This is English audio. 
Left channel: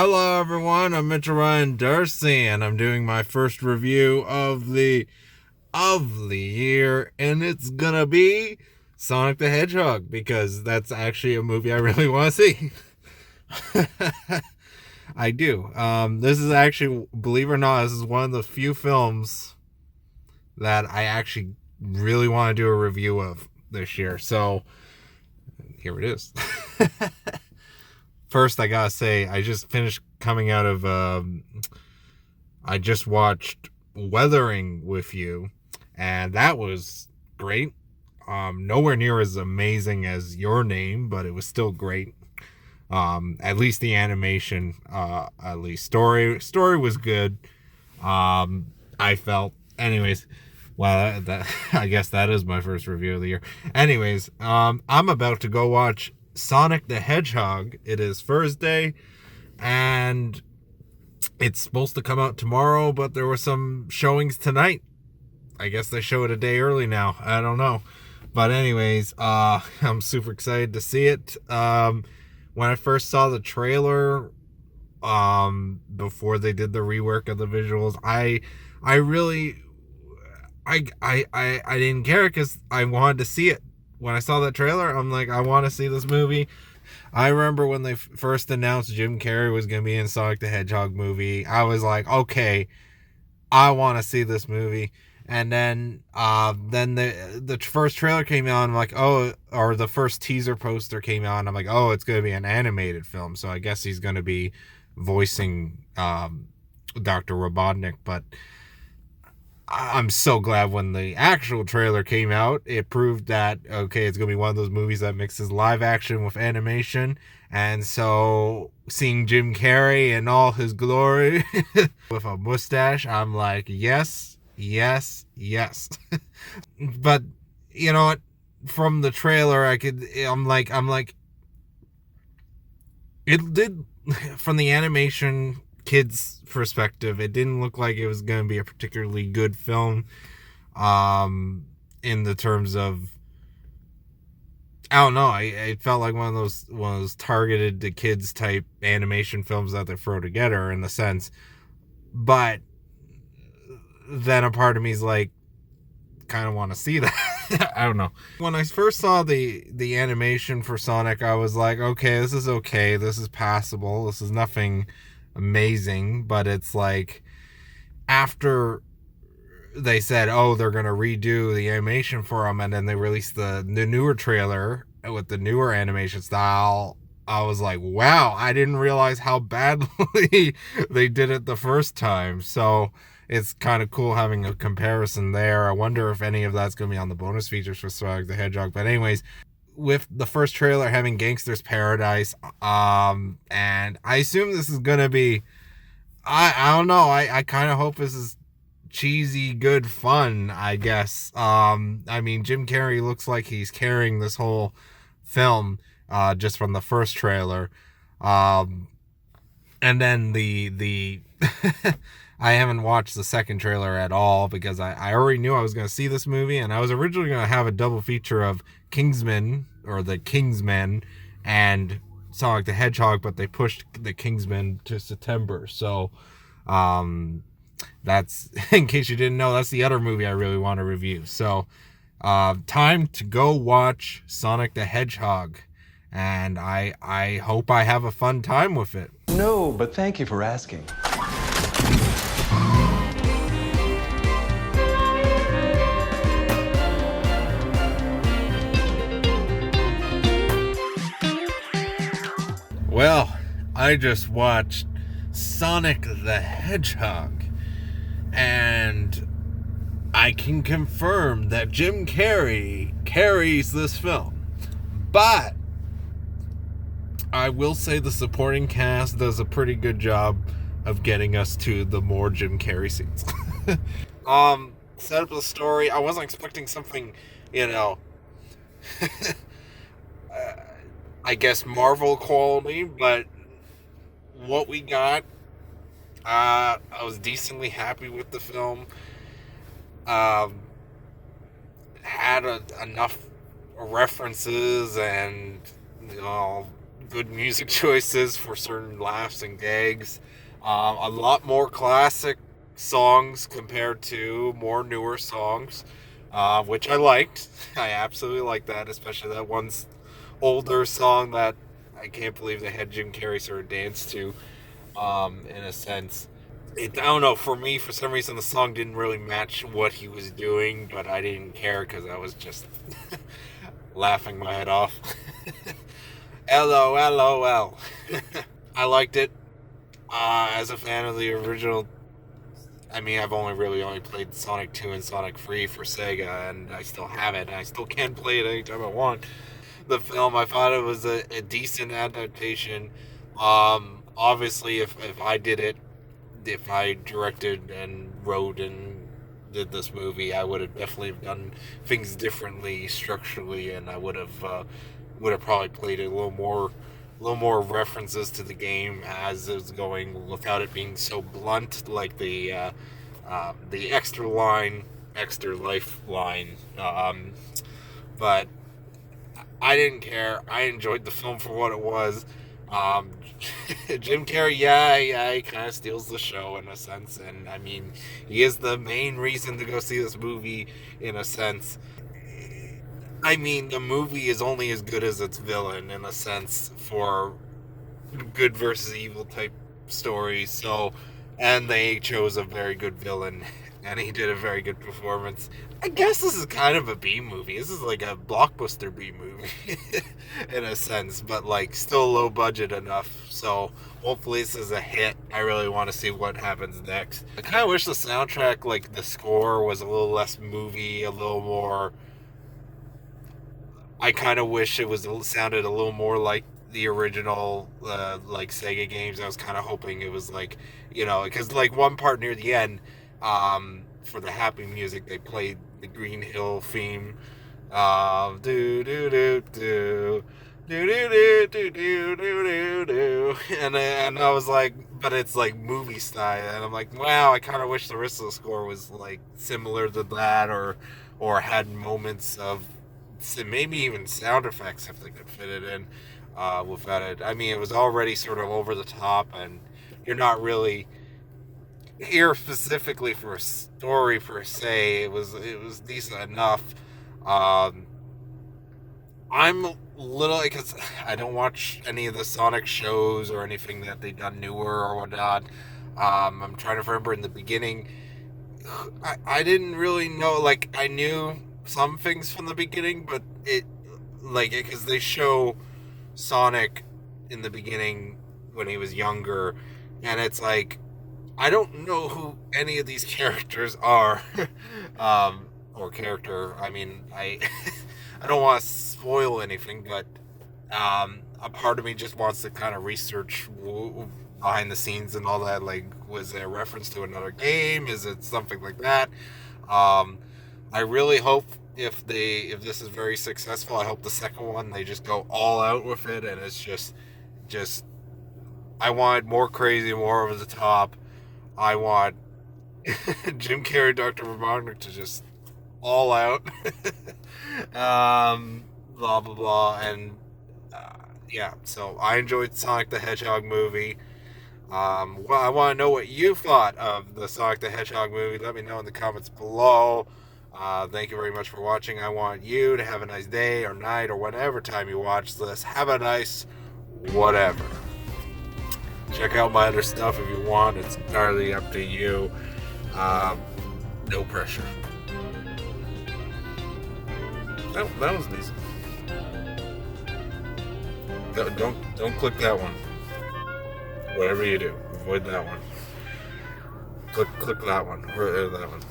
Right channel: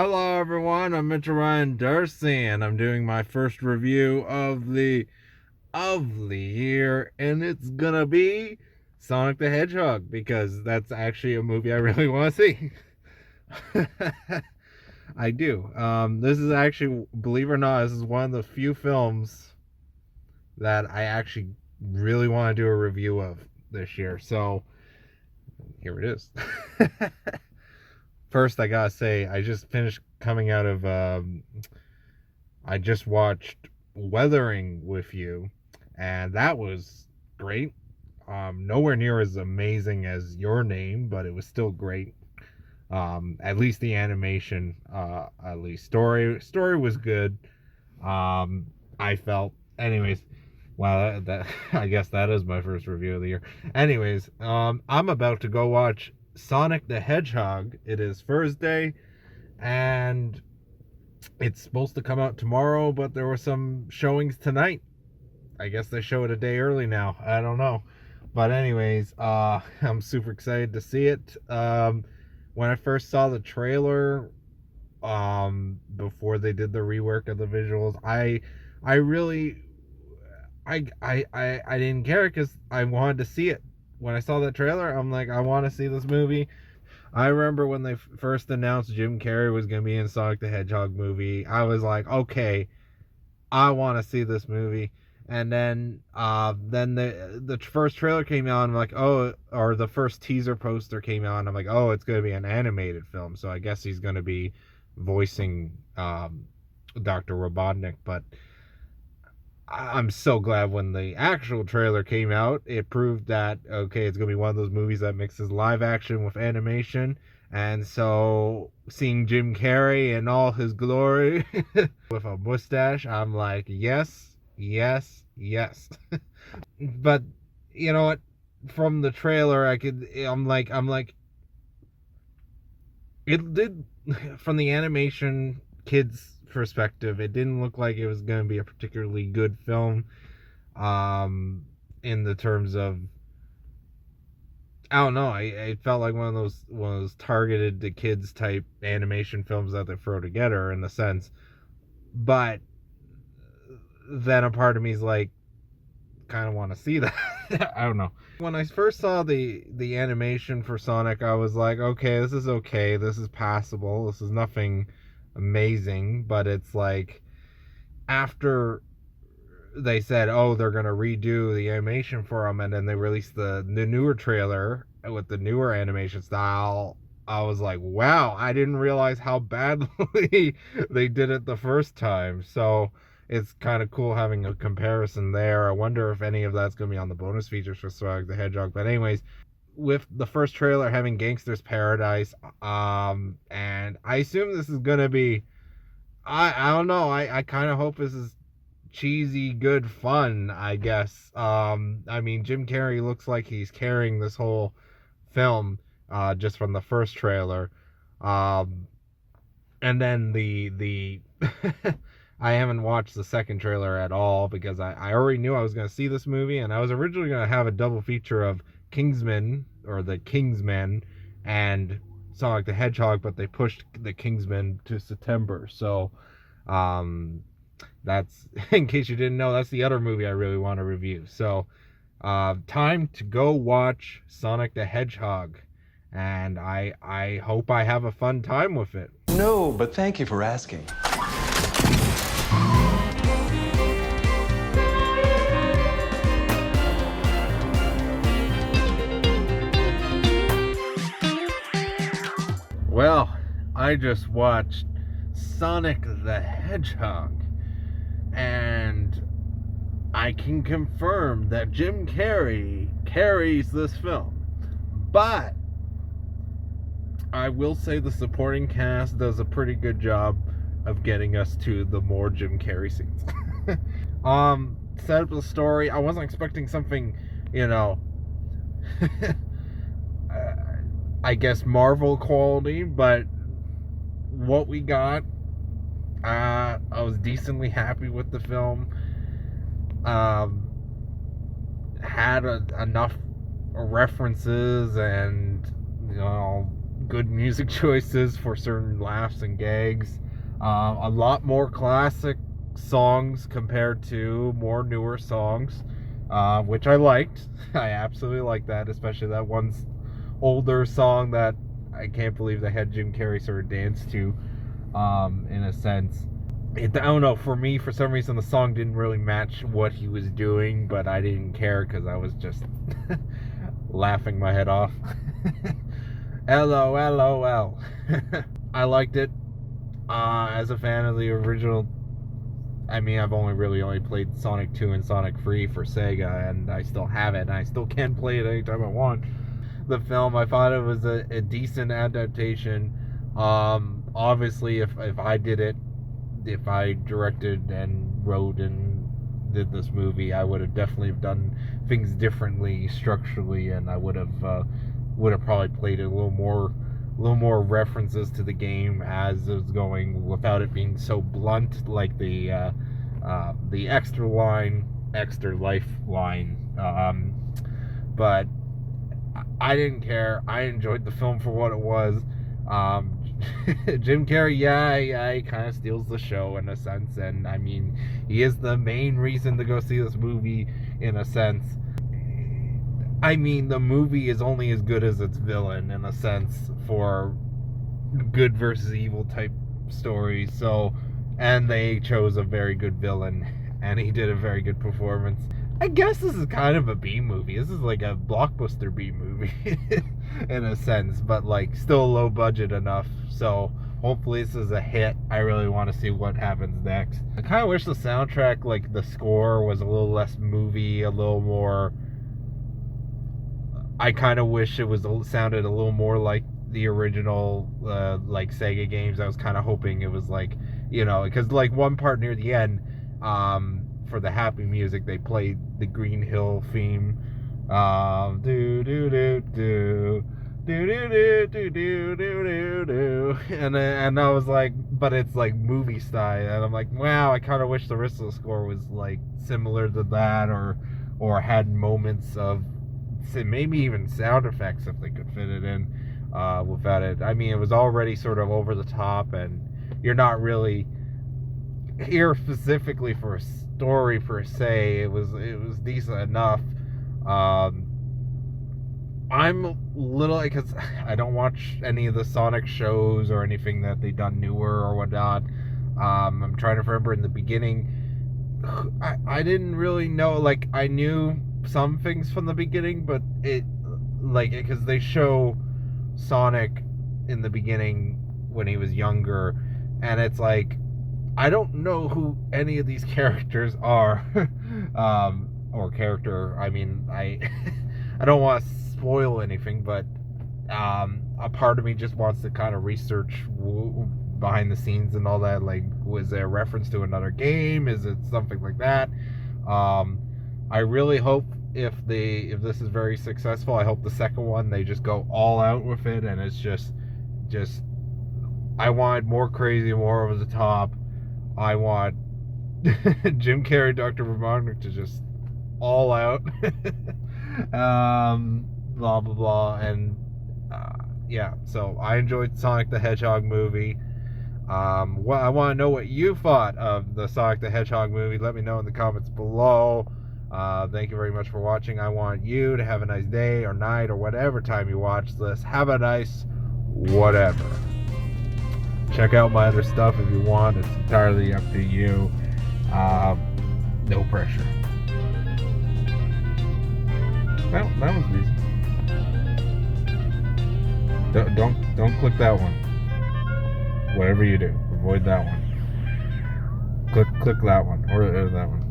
Hello everyone, I'm Mitchell Ryan Darcy, and I'm doing my first review of the year, and it's gonna be Sonic the Hedgehog, because that's actually a movie I really want to see. I do. This is actually, believe it or not, this is one of the few films that I actually really want to do a review of this year, so here it is. First, I gotta say, I just finished coming out of, I just watched Weathering with You, and that was great. Nowhere near as amazing as Your Name, but it was still great. At least the animation, at least story was good. I felt, anyways, well, that I guess that is my first review of the year. Anyways, I'm about to go watch Sonic the Hedgehog. It is Thursday, and it's supposed to come out tomorrow, but there were some showings tonight. I guess they show it a day early now. I don't know. But anyways, I'm super excited to see it. When I first saw the trailer, before they did the rework of the visuals, I didn't care because I wanted to see it. When I saw that trailer, I'm like, I want to see this movie. I remember when they first announced Jim Carrey was going to be in Sonic the Hedgehog movie, I was like, okay, I want to see this movie. And then the first trailer came out, and I'm like, oh, or the first teaser poster came out, and I'm like, oh, it's going to be an animated film, so I guess he's going to be voicing Dr. Robotnik. But I'm so glad when the actual trailer came out, it proved that, okay, it's going to be one of those movies that mixes live action with animation. And so seeing Jim Carrey in all his glory with a mustache, I'm like, yes, yes, yes. But you know what? From the trailer, I'm like, it did, from the animation kids' perspective, it didn't look like it was going to be a particularly good film, in the terms of, I don't know, it felt like one of those targeted to kids type animation films that they throw together, in the sense. But then a part of me is like, kind of want to see that. I don't know. When I first saw the animation for Sonic, I was like, okay, this is passable, this is nothing amazing. But it's like, after they said, oh, they're gonna redo the animation for them, and then they released the newer trailer with the newer animation style, I was like, wow, I didn't realize how badly they did it the first time. So it's kind of cool having a comparison there. I wonder if any of that's going to be on the bonus features for Sonic the Hedgehog. But anyways, with the first trailer having Gangster's Paradise, and I assume this is going to be, I don't know, I kind of hope this is cheesy, good fun, I guess. I mean, Jim Carrey looks like he's carrying this whole film, just from the first trailer. And then the I haven't watched the second trailer at all, because I already knew I was going to see this movie, and I was originally going to have a double feature of Kingsman, or the Kingsman, and Sonic the Hedgehog, but they pushed the Kingsman to September. So that's, in case you didn't know, that's the other movie I really want to review. So time to go watch Sonic the Hedgehog, and I hope I have a fun time with it. No, but thank you for asking. Well, I just watched Sonic the Hedgehog, and I can confirm that Jim Carrey carries this film. But I will say the supporting cast does a pretty good job of getting us to the more Jim Carrey scenes. Set up the story. I wasn't expecting something, I guess Marvel quality, but what we got, I was decently happy with the film. Had enough references and good music choices for certain laughs and gags. A lot more classic songs compared to more newer songs, which I liked. I absolutely liked that, especially that one older song that I can't believe they had Jim Carrey sort of dance to, in a sense. I don't know, for me, for some reason, the song didn't really match what he was doing, but I didn't care because I was just laughing my head off. LOL. I liked it. As a fan of the original, I mean, I've only played Sonic 2 and Sonic 3 for Sega, and I still have it, and I still can play it anytime I want. The film, I thought it was a decent adaptation. Obviously, if I did it, if I directed and wrote and did this movie, I would have definitely done things differently structurally, and I would have probably played it a little more references to the game as it was going, without it being so blunt, like the extra life line. But I didn't care. I enjoyed the film for what it was. Jim Carrey, he kind of steals the show in a sense, and I mean, he is the main reason to go see this movie in a sense. I mean, the movie is only as good as its villain in a sense for good versus evil type stories. So, and they chose a very good villain, and he did a very good performance. I guess this is kind of a B movie. This is like a blockbuster B movie in a sense, but like still low budget enough. So hopefully this is a hit. I really want to see what happens next. I kind of wish the soundtrack, like the score, was a little less movie, a little more. I kind of wish it sounded a little more like the original like Sega games. I was kind of hoping it was like, because like one part near the end, for the happy music, they played the Green Hill theme. Do do do do do do do do do do, and I was like, but it's like movie style, and I'm like, wow, I kind of wish the rest of the score was like similar to that, or had moments of maybe even sound effects if they could fit it in without it. I mean, it was already sort of over the top, and you're not really here specifically for a story per se. It was decent enough. I'm a little, because I don't watch any of the Sonic shows or anything that they've done newer or whatnot. I'm trying to remember in the beginning. I didn't really know, like, I knew some things from the beginning, but because they show Sonic in the beginning when he was younger, and it's like, I don't know who any of these characters are. Or character, I mean, I don't want to spoil anything, but a part of me just wants to kind of research behind the scenes and all that. Like, was there a reference to another game? Is it something like that? I really hope if this is very successful, I hope the second one they just go all out with it, and it's just I want more crazy, more over the top. I want Jim Carrey, Dr. Robotnik to just all out. Blah blah blah, and yeah. So I enjoyed Sonic the Hedgehog movie. Well, I want to know what you thought of the Sonic the Hedgehog movie. Let me know in the comments below. Thank you very much for watching. I want you to have a nice day or night or whatever time you watch this. Have a nice whatever. Check out my other stuff if you want. It's entirely up to you. No pressure. That was decent. Don't click that one. Whatever you do, avoid that one. Click that one or that one.